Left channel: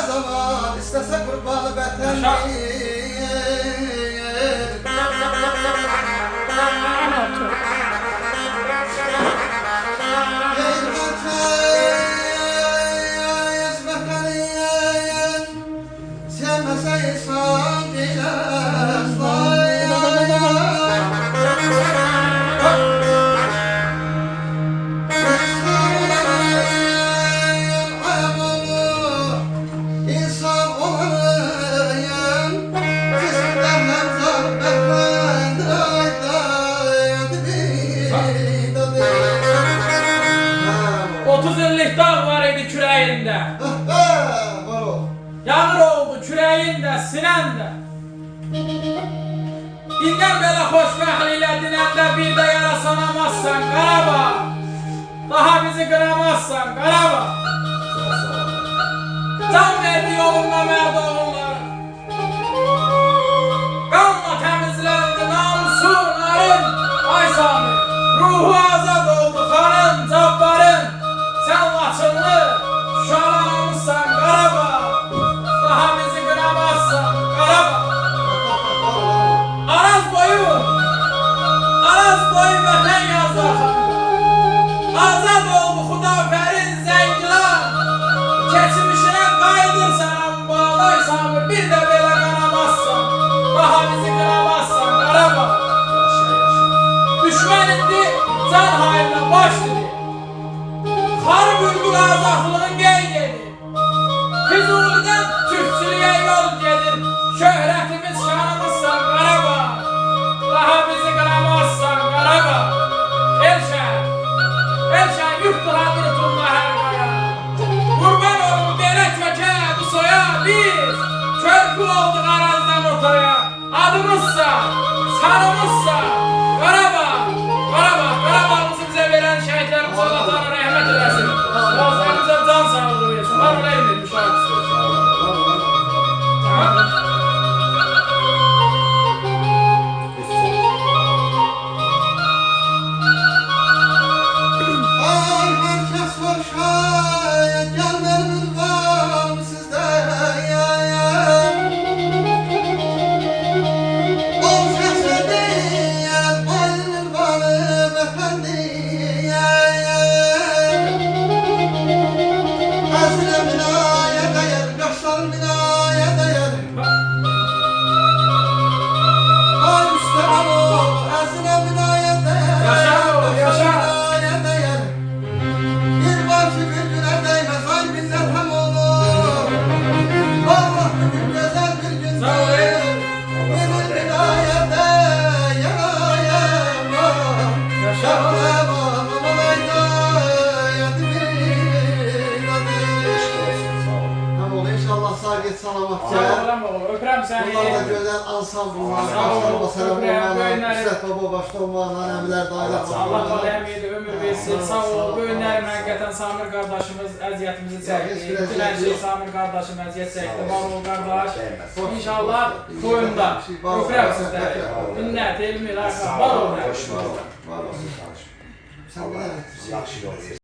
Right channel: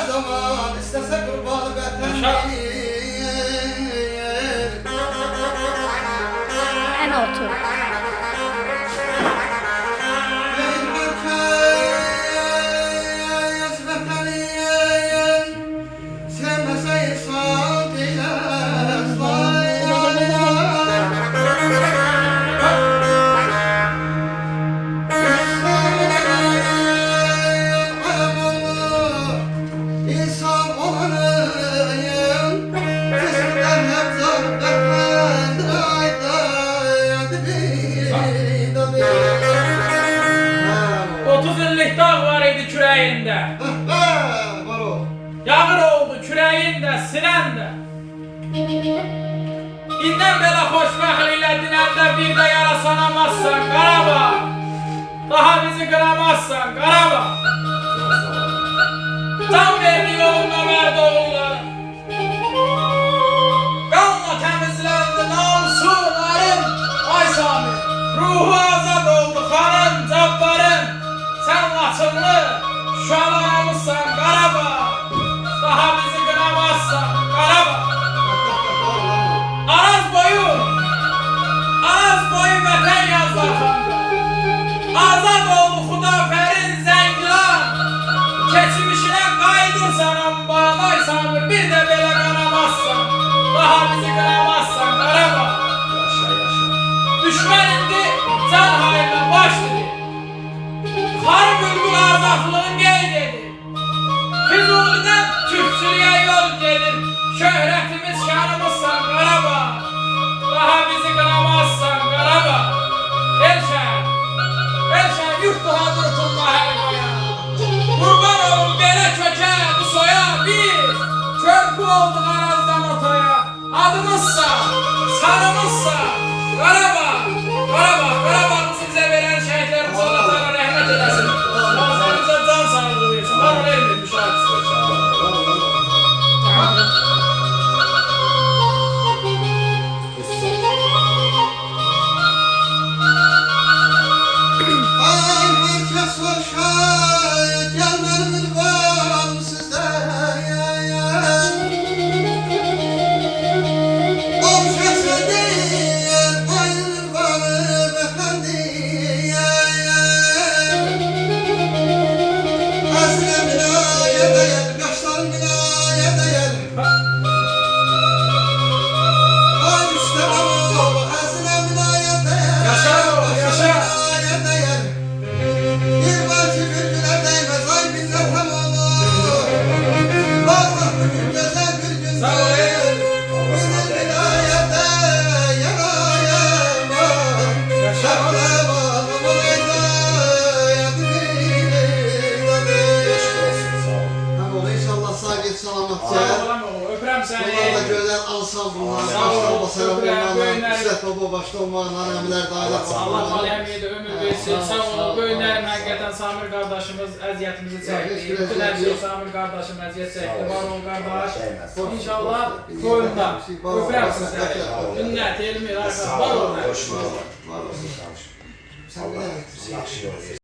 ne zaman istese kurban vatanı. En otur. Dağ var idi kürəyində. Var o. Yağır oldu kürəyində, sinəndə. İndən belə xoşbəxtliklə dinəndə bir də yara sanamazsan Qarabağ. Daha bizi qıramazsan Qarabağ. Can verdi yolunda mərd oğulları. Qanla təmizləndi namusu narın. Ay Sami, ruhu azad oldu xanın, cabbarın. Sen Laçınlı, şalamızsan Qarabağ. Daha bizi qıramazsan Qarabağ. Araz boyu vətən yazdı axındı. Azad oldu Xudafərin Zəngilan. Keçmişinə qayıdırsan ambağlay Samir, bir də belə qıramazsan. Daha bizi qıramazsan Qarabağ. Düşmən indi can hayırla baş dedi. Har bülbül azadlığın gel dedi. Füzuli'den Türkçülüğe yol gelir. Şöhretimiz şanımızsan Qarabağ. Daha bizi qıramazsan Qarabağ. Elşən yurtluhadır tutma hər qaya. Qurban olun belə kökə bu soya biz. Körpü olduk arazdan otaya. Adımızsa, sanımızsa Qarabağ. Qarabağımızı bize veren şehitlerimize Allah'tan rahmet eylesin. Allah'ımıza can sağlığı versin. Bana ne bileyim müşahitsi. Ay herkes hoşa gelmenin var sizde. Olşası değil ayının var efendi. Azile binaya değer, kaşlar binaya değer. Ay üstte var o, azile binaya değer. Yaşa o, yaşa. Binaya değer. Bir var ki birbirine değmez, ay minnet hem olur. Vallahi bugün güzel bir gün. Sağ ol, eyvallah. Benim binaya değer ayağım. Yaşa. İnşallah sağ git salamat Sağ gel. ol lan oğlum. Öpürəm səni. Bunlar da güzel ansambullar, Sağ ol. başlarına selam Öpürəm, olmalar, böyünləri. İzzət baba başta olmalar, əmilər, dayılar, Allah aləmiyyədə ömür versin. Sağ ol. Böyünlərim həqiqətən Samir qardaşımız əziyyətimizi çəkdi. Bütün hər şey Samir qardaşım əziyyət çəkdi. Var ol qardaş. İnşallah toyunda. Öpürəm sizləri. Ünnət, Elmir, Arqad. Var ol. Var olsun. Sen de. Yaxşı yol versin.